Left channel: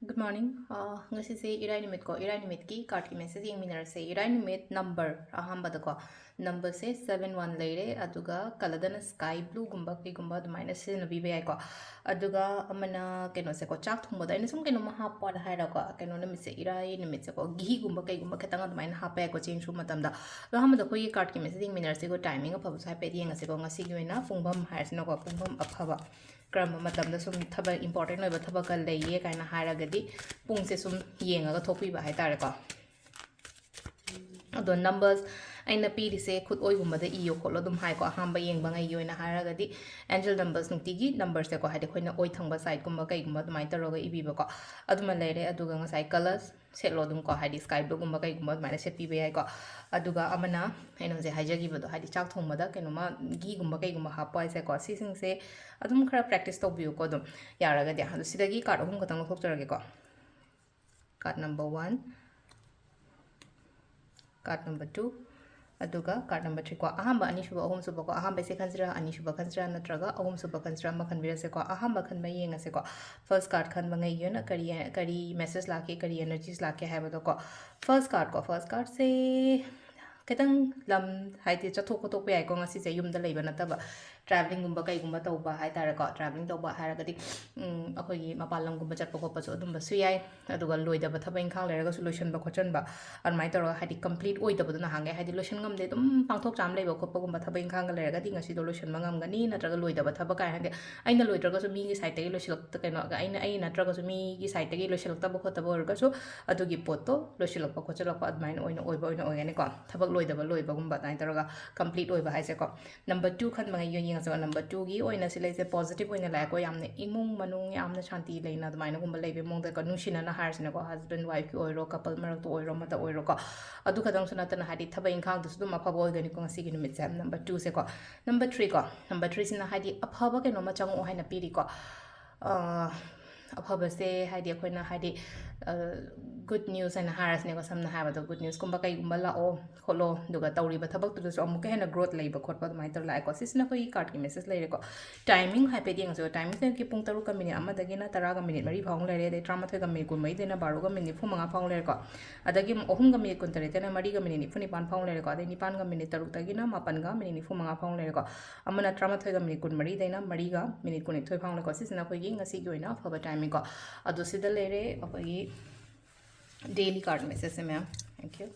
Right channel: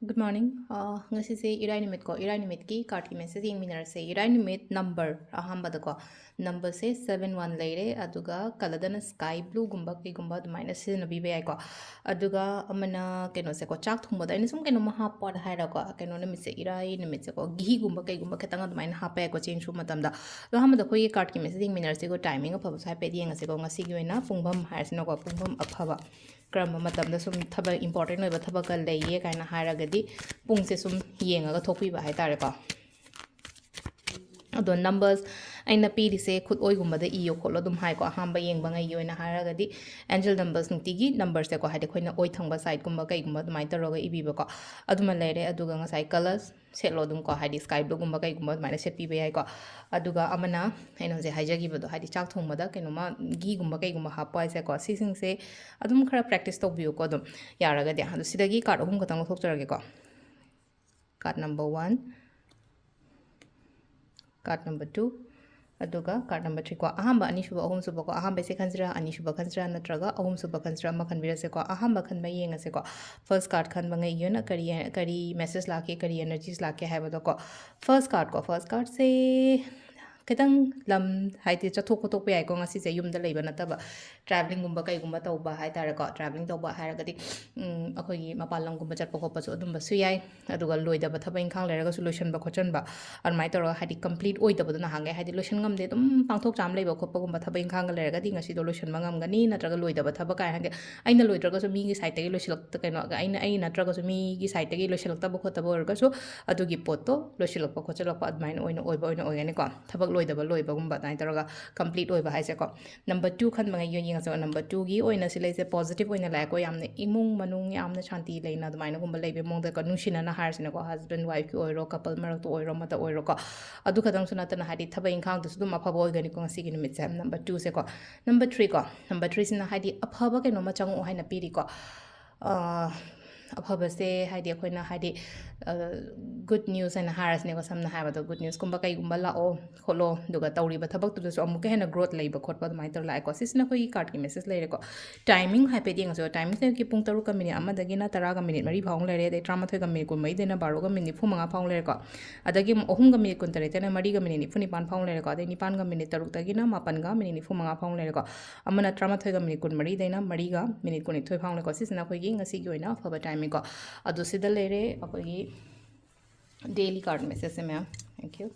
Good morning. Ngasigi irai nimit ko irai nimit ki card ki message yung minar se irai nimit number ahamba da ko number se 71 leire aduga kaladana sky blue gumba ki gumba dumaina se na bibe ai ko aduga amana keno se ko chak thumba da ina sum keno maha pod haira ko keno nimit se irai nimit se ko gi gumba kai gumba khetanga dumaina hapa ko change ru matam da lo hamba da ko ye card ki message yung minar se ko timing of sai pe di ngase ko ngasi gi na pungbam haisna ko pungbam afaba ꯀꯔꯝꯕ ꯃꯇꯝꯗ ꯁꯨꯝ ꯊꯕꯛ important ꯑꯣꯏꯕ ꯊꯕꯛꯀ ꯂꯩꯌꯦ ꯀꯥꯏꯅ ꯍꯥꯏꯔꯒꯗꯤ ꯄꯨꯡꯁꯦ ꯁꯨꯝ ꯌꯦꯡꯉꯒ ꯊꯣꯛꯄꯤꯕ ꯍꯥꯏꯇꯥꯔꯦꯀꯣ ꯑꯗꯣ ꯅꯝꯕꯔꯁ ꯑꯩꯅ ꯄꯤꯔꯤꯁꯦ ꯈꯨꯠꯑꯣꯏꯒꯨꯝꯕꯗ ꯏꯌꯣ ꯈꯣꯠꯂꯣ ꯑꯗꯨꯝ ꯍꯥꯏꯀꯣ ꯑꯍꯥꯟꯕ ꯌꯦꯡꯕꯉꯩꯒꯤ ꯑꯣꯏꯅ ꯍꯥꯏꯔꯒꯗꯤ ꯑꯦꯟꯖꯦꯜ ꯅꯝꯕꯔꯁ ꯅꯨꯡꯇꯤꯒꯤ ꯅꯝꯕꯔꯁꯦꯀꯣ ꯍꯥꯏꯗꯤ ꯑꯩꯈꯣꯏꯅ ꯑꯣꯏ ꯊꯪꯕ ꯁꯥꯏꯠꯀꯨꯝꯕ ꯀꯩꯒꯨꯝꯕ ꯑꯗꯨꯃꯥꯏꯅ ꯇꯧꯔꯒ ꯏꯕꯤꯕꯀꯣ ꯑꯗꯨꯃ ꯂꯩꯔꯦ ꯑꯗꯨꯒ ꯉꯁꯥꯏ ꯀꯂꯔꯁ ꯁꯦꯠꯂꯣ ꯑꯗꯨꯝ ꯀꯣ ꯍꯥꯏꯗꯤ ꯁ꯭ꯀꯥꯏ ꯕ꯭ꯂꯨꯒꯨꯝꯕ ꯀꯩꯒꯨꯝꯕ ꯑꯗꯨꯃꯥꯏꯅ ꯁꯦꯠꯄꯤꯕ ꯌꯥꯏꯀꯣ ꯑꯗꯨꯒ ꯑꯃꯅ ꯑꯩꯅ ꯍꯧꯖꯤꯛ ꯍꯥꯏꯖꯈꯤꯕꯗꯣ ꯍꯥꯏꯗꯤ ꯆꯥꯛ ꯊꯣꯡꯕꯗ ꯀꯩꯅꯣꯃ ꯘꯤꯒꯨꯝꯕ ꯀꯩꯒꯨꯝꯕ ꯍꯥꯞꯄ ꯍꯥꯏꯁꯦꯀꯣ ꯁꯤꯁꯤꯡꯁꯦ ꯑꯗꯨꯝ ꯈꯔ ꯄ꯭ꯔꯦꯛꯇꯤꯁ ꯇꯧꯕꯤꯌꯨꯀꯣ ꯑꯗꯨꯝ ꯌꯥꯔꯒꯗꯤ ꯑꯗꯣ ꯁꯤꯗꯒꯤ ꯀꯥꯔꯠ ꯑꯍꯨꯝ ꯈꯛꯇꯪ ꯂꯧꯊꯣꯛꯆꯔꯒꯦꯀꯣ ꯀꯥꯔꯠ ꯅꯝꯕꯔ 1 ꯀꯥꯔꯠ ꯅꯝꯕꯔ 2 ꯑꯗꯨꯒ ꯀꯥꯔꯠ ꯅꯝꯕꯔ 3 ꯀꯣ ꯑꯍꯥꯟꯕ ꯑꯅꯤꯁꯨꯕ ꯑꯍꯨꯝꯁꯨꯕ ꯀꯣ ꯑꯍꯥꯟꯕꯁꯦ ꯈꯟꯁꯤꯔꯥ ꯑꯅꯤꯁꯨꯕ ꯈꯟꯁꯤꯔꯥ ꯅꯠꯇ꯭ꯔꯒ ꯑꯍꯨꯝꯁꯨꯕ ꯈꯟꯁꯤꯔꯥ ꯑꯃ ꯈꯟꯕꯤꯔꯁꯦꯀꯣ ꯑꯍꯥꯟꯕ ꯈꯟꯕ ꯌꯦꯡꯉꯁꯦꯀꯣ ꯐꯔꯁ ꯀꯥꯔꯠ ꯈꯟꯕ ꯉꯩꯒꯤꯅ ꯀꯔꯤ ꯃꯦꯁꯦꯖ ꯂꯥꯛꯀꯦ ꯀꯔꯤ ꯑꯦꯅꯔꯖꯤꯁ ꯂꯥꯛꯀꯦ ꯍꯥꯏꯕꯗꯣꯀꯣ ꯐꯔꯁ ꯀꯥꯔꯠꯁꯦ ꯈꯤꯇꯪ ꯂꯝ ꯍꯥꯏꯗꯤ ꯆꯠꯊꯣꯛ ꯈꯣꯠꯇꯣꯛꯄ ꯌꯥꯏꯀꯣ ꯉꯁꯤꯁꯦ ꯌꯨꯝꯗ ꯂꯩꯕ ꯅꯠꯇꯕ ꯇ꯭ꯔꯥꯚꯦꯂꯤꯡꯒꯨꯝꯕ ꯀꯩꯒꯨꯝꯕ ꯇꯧꯕ ꯍꯥꯏꯇꯥꯔꯦꯀꯣ ꯇ꯭ꯔꯥꯚꯦꯂꯤꯡ ꯇꯧꯕ ꯍꯥꯏꯔꯒꯗꯤ ꯑꯩꯈꯣꯏꯒꯤ ꯃꯄꯥꯟ ꯂꯝꯒꯨꯝꯕ ꯆꯠꯄ ꯈꯣꯠꯄꯁꯨ ꯑꯗꯨꯝꯕꯁꯨ ꯌꯥꯏ ꯑꯗꯨꯒ ꯂꯣꯏꯗꯕ ꯊꯕꯛ ꯏꯪꯈꯥꯡ ꯂꯩꯔꯒꯁꯨ ꯂꯣꯏꯁꯤꯟꯕ ꯈꯣꯠꯆꯟꯕ ꯑꯗꯨꯃꯥꯏꯅ ꯇꯧꯔꯒ ꯍꯥꯏꯗꯤ ꯀꯝꯄ꯭ꯂꯤꯠ ꯑꯣꯏꯗꯕꯗꯣ ꯅꯍꯥꯟꯒꯩ ꯍꯥꯏꯗꯤ ꯂꯣꯏꯁꯤꯟ ꯉꯝꯗꯦ ꯑꯗꯨꯝ ꯄꯥꯡꯊꯣꯛ ꯆꯥꯝ ꯂꯩꯕ ꯈꯣꯠꯄꯒꯨꯝꯕ ꯊꯕꯛ ꯏꯪꯈꯥꯡꯒ ꯂꯩꯔꯒꯗꯤ ꯉꯁꯤꯗꯣ ꯂꯣꯏꯁꯤꯟꯕ ꯉꯝꯒꯅꯤ ꯅꯠꯇ꯭ꯔꯒ ꯂꯣꯏꯗꯕ ꯊꯕꯛ ꯀꯥꯏ ꯍꯥꯏꯗꯤ ꯑꯩꯅ ꯂꯣꯏꯗ꯭ꯔꯒꯁꯨ ꯃꯤꯒꯤ ꯁꯥꯏꯠꯇꯒꯤ ꯂꯣꯏꯁꯤꯜꯂꯛꯇ ꯀꯩꯅꯣ ꯑꯩ ꯅꯠꯇ꯭ꯔꯒꯁꯨ ꯃꯤꯒꯤ ꯁꯥꯏꯠꯇꯒꯤ ꯂꯣꯏꯁꯤꯜꯂꯛꯇꯕ ꯈꯣꯠꯇꯕ ꯑꯣꯏꯔꯒꯁꯨ ꯑꯗꯨꯒꯤ ꯄꯣꯠꯇꯣ ꯂꯣꯏꯁꯤꯜꯂꯛꯄ ꯈꯣꯠꯆꯜꯂꯛꯄ ꯑꯗꯨꯃꯥꯏꯅ ꯑꯣꯏꯒꯅꯤꯀꯣ ꯊꯕꯛ ꯂꯣꯏꯗꯕ ꯂꯣꯏꯕꯒꯨꯝꯕ ꯑꯗꯨꯃꯥꯏꯅ ꯇꯧꯔꯒ ꯀꯝꯄ꯭ꯂꯤꯠ ꯑꯣꯏꯕ ꯍꯥꯏꯁꯦꯀꯣ ꯅꯝꯕꯔ 2 ꯈꯟꯕꯉꯩ ꯌꯦꯡꯉꯁꯦ ꯅꯝꯕꯔ 2ꯒꯤ ꯑꯣꯏꯅ ꯁꯤ ꯂꯩꯁꯦ ꯄꯣꯖꯤꯇꯤቭ ꯑꯣꯏꯅ ꯂꯥꯛꯑꯦꯀꯣ ꯌꯥꯝꯅ ꯏꯃꯨꯡ ꯃꯅꯨꯡ ꯌꯥꯝꯅ ꯁꯥꯟꯇꯤ ꯂꯩꯅ ꯑꯗꯨꯃꯥꯏꯅꯒꯨꯝꯕ ꯂꯩꯕ ꯃꯑꯣꯡꯗꯀꯣ ꯅꯨꯡꯁꯤꯅꯅ ꯍꯥꯏꯔꯁꯤꯅꯀꯣ ꯍꯁꯕꯦꯟ ꯋꯥꯏꯐꯀꯤ ꯑꯣꯏꯔꯣ ꯀꯄꯜ ꯃꯔꯛꯇ ꯑꯣꯏꯔꯣ ꯑꯃꯇ ꯑꯣꯏꯔꯣꯀꯣ ꯑꯗꯨ ꯈꯛꯇꯪꯁꯨ ꯅꯠꯇꯅ ꯍꯥꯏꯗꯤ ꯊꯕꯛ ꯏꯪꯈꯥꯡꯗꯨꯁꯨ ꯑꯗꯨꯝ ꯑꯐꯕ ꯑꯣꯏꯒꯅꯤꯀꯣ ꯉꯁꯤꯒꯤ ꯅꯨꯃꯤꯠꯁꯦ ꯅꯝꯕꯔ 2ꯁꯦꯀꯣ ꯅꯝꯕꯔ 3 ꯀꯣ ꯅꯝꯕꯔ 3ꯁꯤꯅ ꯍꯥꯏꯗꯤ ꯑꯐꯕ ꯀꯩꯅꯣꯝꯃ ꯆꯪꯉꯛꯑꯣ ꯍꯥꯏꯅ ꯄꯤꯔꯤꯀꯣ ꯑꯐꯕꯁꯦ ꯍꯥꯏꯗꯤ ꯑꯩꯈꯣꯏꯅ ꯍꯥꯏꯗꯤ ꯒꯨꯗ ꯅ꯭ꯌꯨꯁ ꯍꯥꯏꯅ ꯍꯥꯏꯔꯁꯤꯅꯦꯀꯣ ꯁꯝꯅ ꯍꯥꯏꯔꯕꯗ ꯒꯨꯗ ꯅ꯭ꯌꯨꯁꯀꯨꯝꯕ ꯀꯩꯒꯨꯝꯕ ꯂꯥꯛꯑꯣ ꯈꯣꯠꯂꯣ ꯑꯗꯨꯒ ꯇꯧꯔꯤꯕ ꯊꯕꯛꯇꯨꯗꯁꯨ ꯑꯃꯨꯛꯀ ꯍꯦꯟꯅ ꯒ꯭ꯔꯣꯠ ꯂꯩꯕ ꯈꯣꯠꯄ ꯑꯗꯨꯃꯥꯏꯅ ꯇꯧꯔ ꯂꯥꯛꯑꯦꯀꯣ ꯁꯤꯁꯤꯅ ꯑꯩꯈꯣꯏꯒꯤ ꯀꯥꯔꯠꯀꯤ ꯃꯦꯁꯦꯖ ꯂꯩꯔꯦꯀꯣ ꯇꯥꯏꯃꯤꯡ ꯍꯥꯏꯐꯦꯠ ꯌꯦꯡꯉꯁꯨ ꯇꯥꯏꯃꯤꯡꯁꯦ ꯄꯨꯡ 3ꯒ ꯃꯤꯅꯤꯠ 1ꯗꯒꯤꯅ 10ꯒ ꯃꯤꯅꯤꯠ 4 ꯐꯥꯎ ꯂꯩꯔꯦ ꯑꯗꯩ 13ꯒ ꯃꯤꯅꯤꯠ 22ꯗꯩꯅ 12ꯒ ꯃꯤꯅꯤꯠ 95 ꯐꯥꯎ ꯂꯩꯔꯦꯀꯣ ꯑꯗꯒꯤ 3ꯒ ꯃꯤꯅꯤꯠ 18ꯗꯩꯅ 4ꯒ ꯃꯤꯅꯤꯠ 99 ꯐꯥꯎ ꯂꯩꯔꯦꯀꯣ ꯑꯗꯩ 9ꯒ ꯃꯤꯅꯤꯠ 6ꯗꯒꯤꯅ 8ꯒ ꯃꯤꯅꯤꯠ 95 ꯐꯥꯎ ꯂꯩꯔꯦꯀꯣ ꯑꯃꯅ 13ꯒ ꯃꯤꯅꯤꯠ 24ꯗꯩꯅ 4ꯒ ꯃꯤꯅꯤꯠ 12 ꯐꯥꯎ ꯂꯩꯀꯣ ꯁꯤꯁꯤꯅ ꯑꯩꯈꯣꯏꯒꯤ ꯉꯁꯤꯒꯤ ꯑꯣꯏꯅ ꯑꯐꯕ ꯇꯥꯏꯃꯤꯡꯀꯣ ꯑꯗꯨ ꯁꯤꯗ ꯂꯩꯔꯦ ꯑꯩꯈꯣꯏꯒꯤ ꯗꯦꯂꯤ ꯀꯥꯔꯠ ꯃꯦꯁꯦꯖꯁꯦ ꯃꯌꯥꯝ ꯊꯦꯡꯛ ꯌꯨ